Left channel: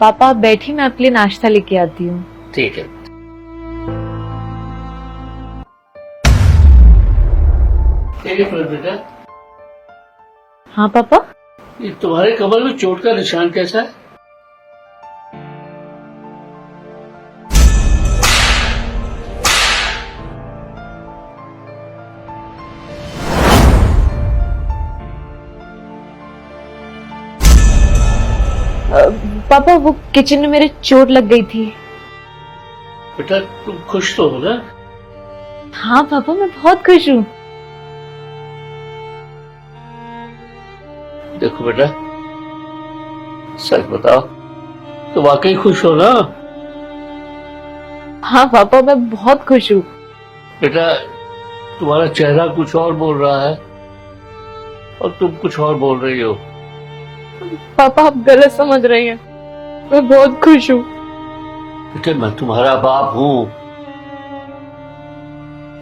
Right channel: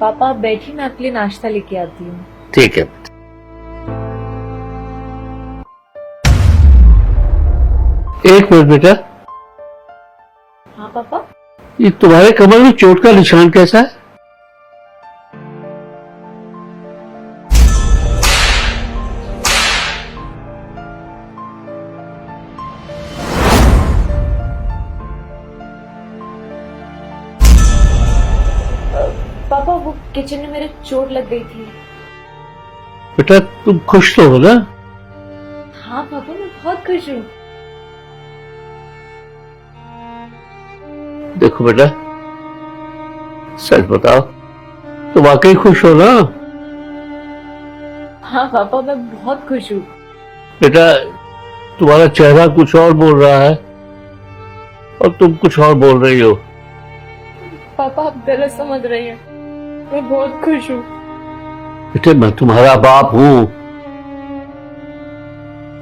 पापा आप बैठी, मैं आपके लिए नाश्ता लेके आती हूँ। ठीक है। एक मिनट बेटा, हाँ पापा। ये तुम्हारे कमर में चोट का निशान कैसा है? पापा वो किचन में मेरे चोट लग गई थी। बेटा तुम खुश तो हो ना? हाँ पापा मैं बहुत खुश हूँ। देखो बेटा, सच बताओ, तुम वाकई खुश हो ना? हाँ पापा मैं बहुत खुश हूँ। बेटा तुम्हारा चेहरा कुछ और बोल रहा है और तुम कुछ और बोल रही हो। पापा आप गलत समझ रहे हैं, मैं बहुत खुश हूँ। बेटे मैं तुम्हारा बाप हूं।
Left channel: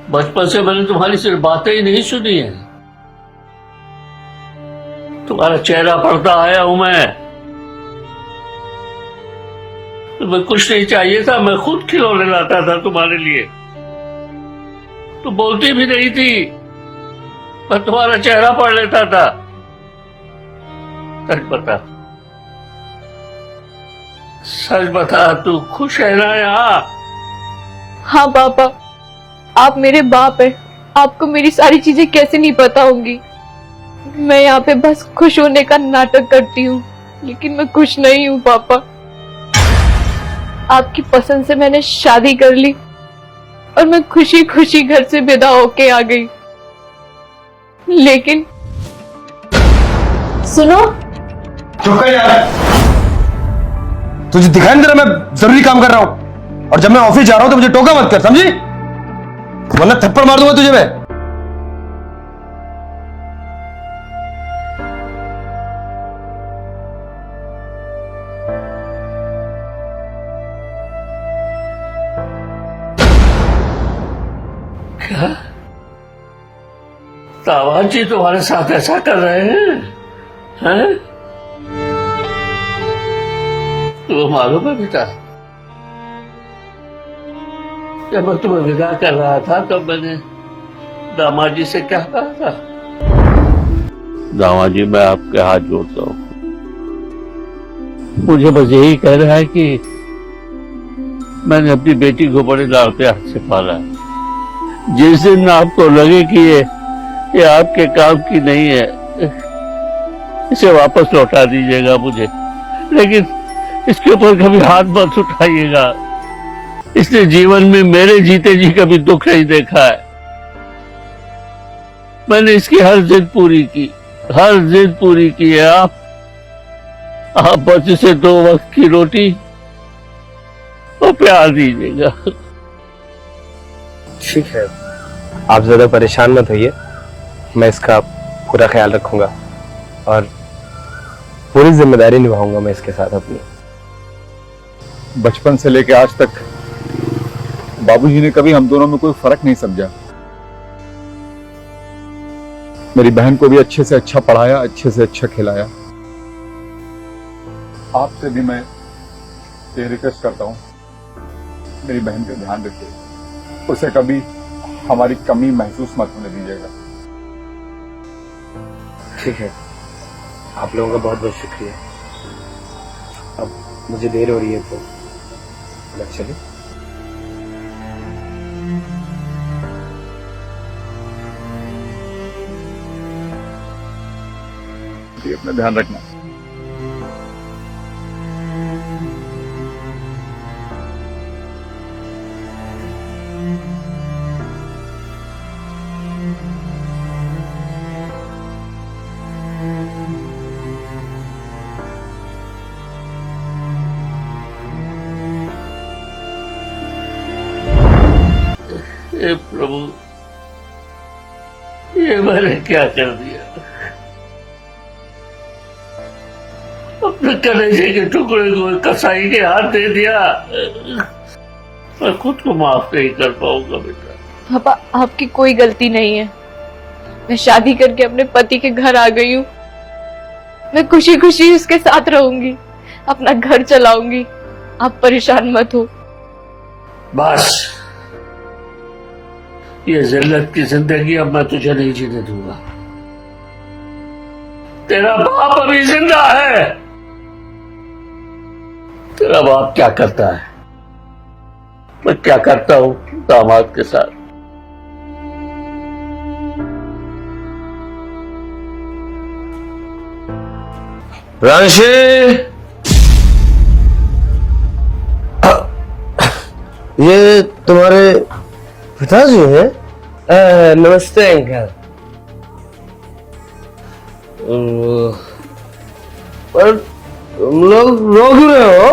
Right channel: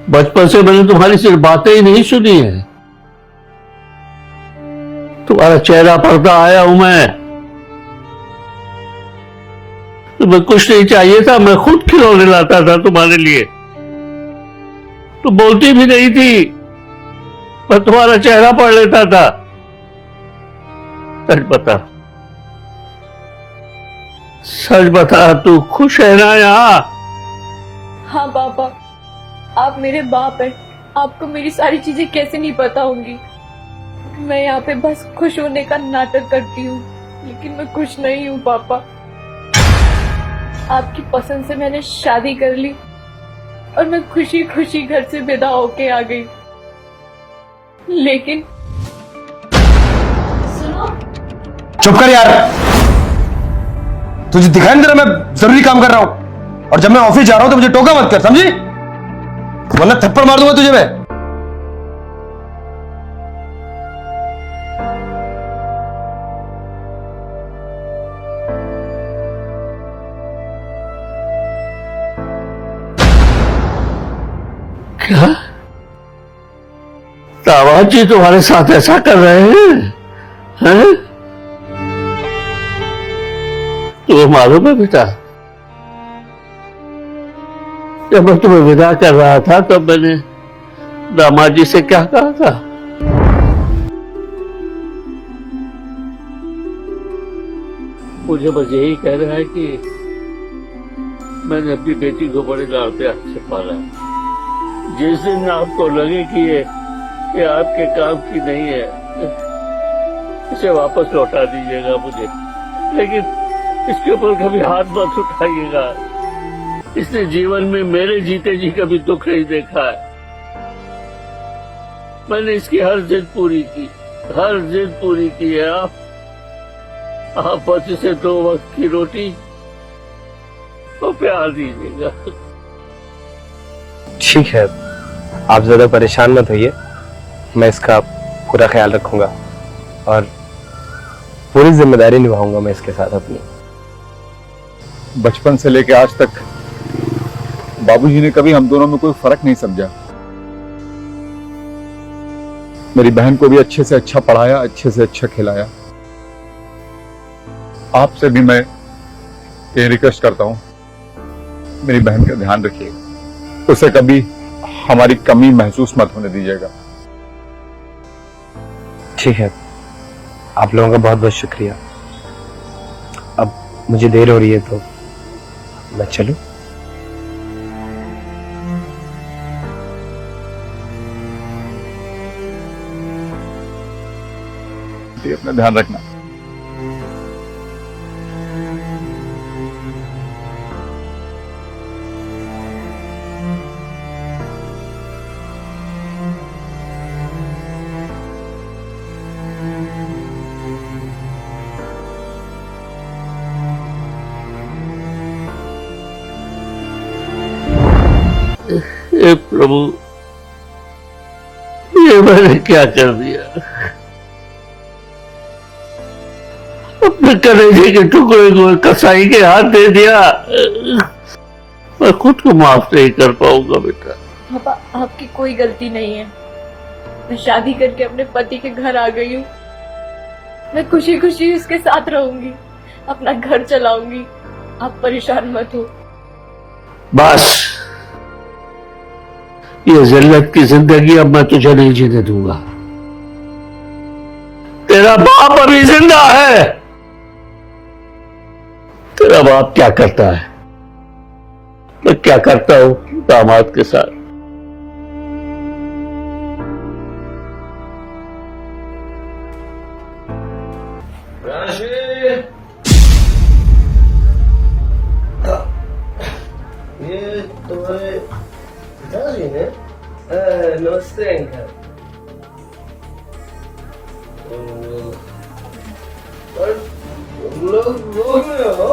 बचपन से मैंने तुम्हारी सिर्फ बातें ही नहीं सुनी है, तुम्हारा चेहरा पढ़ता आया हूं मैं। तुम्हें कुछ नहीं चाहिए था, मैं खुद खिलौने लाता था तुम्हारे लिए। तुम बोलती भी नहीं थी, मैं तुम्हारा चेहरा पढ़ लेता था। सच बता तू खुश है ना यहाँ? हाँ पापा आप मेरे बाप हैं, आपको मेरी सारी चीजें कैसे नहीं पता होंगी। मैं यहाँ पे बस खुश होने का नाटक करती हूँ, लेकिन मैं खुश नहीं हूँ पापा। आपकी पसंद से मैंने शादी कर ली और मैं खुशी खुशी घर से विदा होके आ गई। लेकिन सुनो। चुप कर यार, तुझे दिखाई नहीं दे रहा मैं जरूरी काम कर रहा हूं? और जब मैं ऑफिस जा रहा हूं तो मुझे टोका मत कर, समझी? वरना थप्पड़ मार दूंगा तुझे मैं। क्या दामाद जी तुम्हारे साथ ऐसा कर रहे हैं? तुम्हें मालूम है बेटा, जब मैं तुम्हें विदा कर रहा था तब मैंने दामाद जी से क्या कहा था? दामाद जी मैं आपके हाथ जोड़ता हूं, मुझे बस यही कह रहा है कि मैंने अपनी बेटी को बड़े लाड़ प्यार से पाला। जिस दिन आपको लगे कि ये आपके काम की नहीं है, इसे वापस लौटा दीजिएगा मुझे, लेकिन इसके ऊपर कभी हाथ मत उठाइएगा। इसने जीवन में मेरे जीते जी कभी दुख नहीं देखा है। मैंने इसकी हर जिद पूरी की, हर जिद पूरी की है। आप बस इसे 2 वक्त की रोटी और प्यार दीजिएगा। ठीक है, आप ज्यादा परेशान मत होइए, मैं इसका पूरा ख्याल रखूंगा और पूरी जिम्मेदारी निभाऊंगा मैं इसके साथ अपनी। बचपन से लेके आज तक बाबूजी ने कभी हम दोनों में कोई फर्क नहीं समझा। मेरी बहन को भी अच्छे से अच्छा पढ़ाया, अच्छे से अच्छा खिलाया। आपसे भी मैं ये रिक्वेस्ट करता हूं, मेरी बहन का ध्यान रखिए, उसे कभी हमारी कमी महसूस मत होने दीजिएगा। ठीक है, आप लोगों का बहुत बहुत शुक्रिया। अब मुझे देर हो रही है तो मैं चलूं? अपना ध्यान रखना। हे प्रभु, ये मैंने क्या कर दिया? अपने कलेजे के टुकड़े को कसाई के हाथ दे दिया। मैं खुद को माफ नहीं कर पाऊंगा बेटा। पापा आपकी कोई गलती नहीं है। मैं शादी करके अपने पति के घर आ गई हूँ। मैं खुशी खुशी उसके साथ रहूंगी। अपना घर चलाऊंगी, आप परेशान मत हो। बस ये जिल्लत की जिंदगी अब मैं तुझे नहीं जीने दूंगा। तेरा बाप अभी जिंदा है। तेरा बाप क्या करता है, मैं क्या करता हूं दामाद के साथ। रांशी, ये तुम्हारे पिताजी हैं? नमस्ते अंकल। पर तुम लोग रो क्यों रहे हो?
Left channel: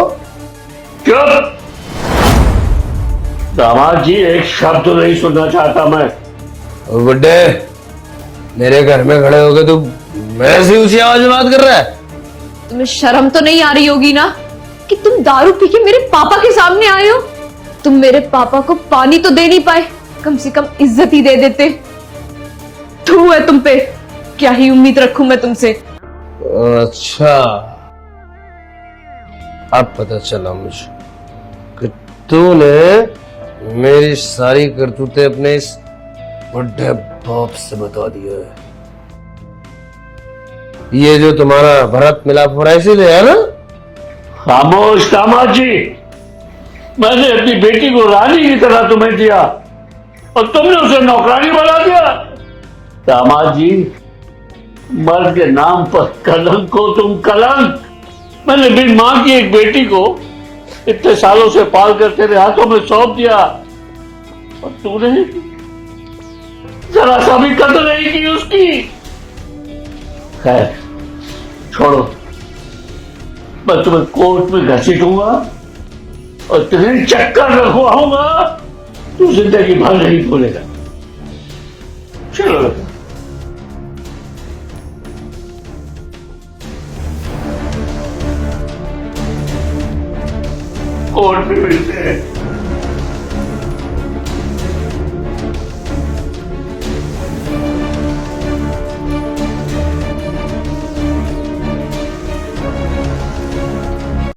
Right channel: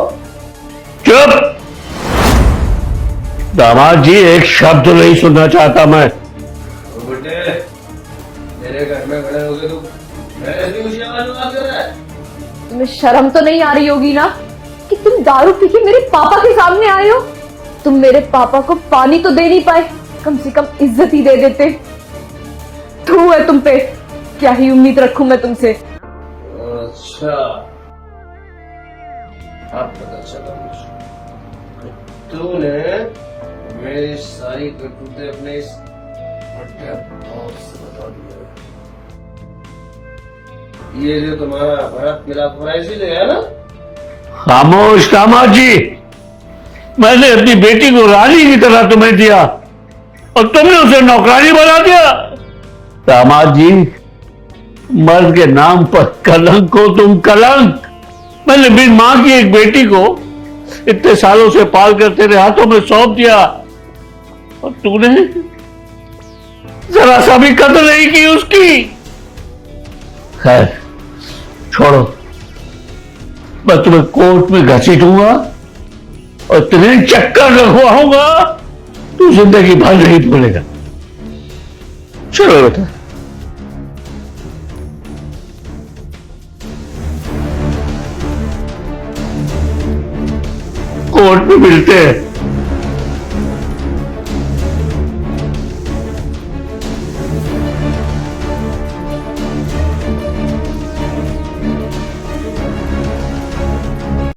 चुप! दामाद जी, एक शब्द नहीं सुनना चाहता मैं। बुड्ढे, मेरे घर में खड़े होके तुम मेरे से ऊंची आवाज में बात कर रहा है? तुम्हें शर्म तो नहीं आ रही होगी ना कि तुम दारू पी के मेरे पापा के सामने आए हो। तुम मेरे पापा को पानी तो दे नहीं पाए, कम से कम इज्जत ही दे देते। धू है तुम पे, क्या ही उम्मीद रखूं मैं तुमसे। अच्छा, अब पता चला मुझे कि तूने मेरी सारी करतूतें अपने इस बुढ़े बाप से बता दिया है। ये जो तुम्हारा भरत मिलाप हो रहा है इसीलिए, है ना? खामोश दामाद जी, मैंने अपनी बेटी को रानी की तरह तुम्हें दिया और तुमने उसे नौकरानी बना दिया। दामाद जी, मर्द के नाम पर कलंक हो तुम, कलंक। मैंने भी मां की एक बेटी को इतने सालों से पाल कर तेरे हाथों में सौंप दिया और तूने जरा सा भी कदर नहीं की उसकी। खैर छोड़ो, मैं तुम्हें कोर्ट में घसीटूंगा और तुम्हें चक्कर लगवाऊंगा, तू जिंदगी भर नहीं भूलेगा। चलो बेटा। कोर्ट में मिलते हैं।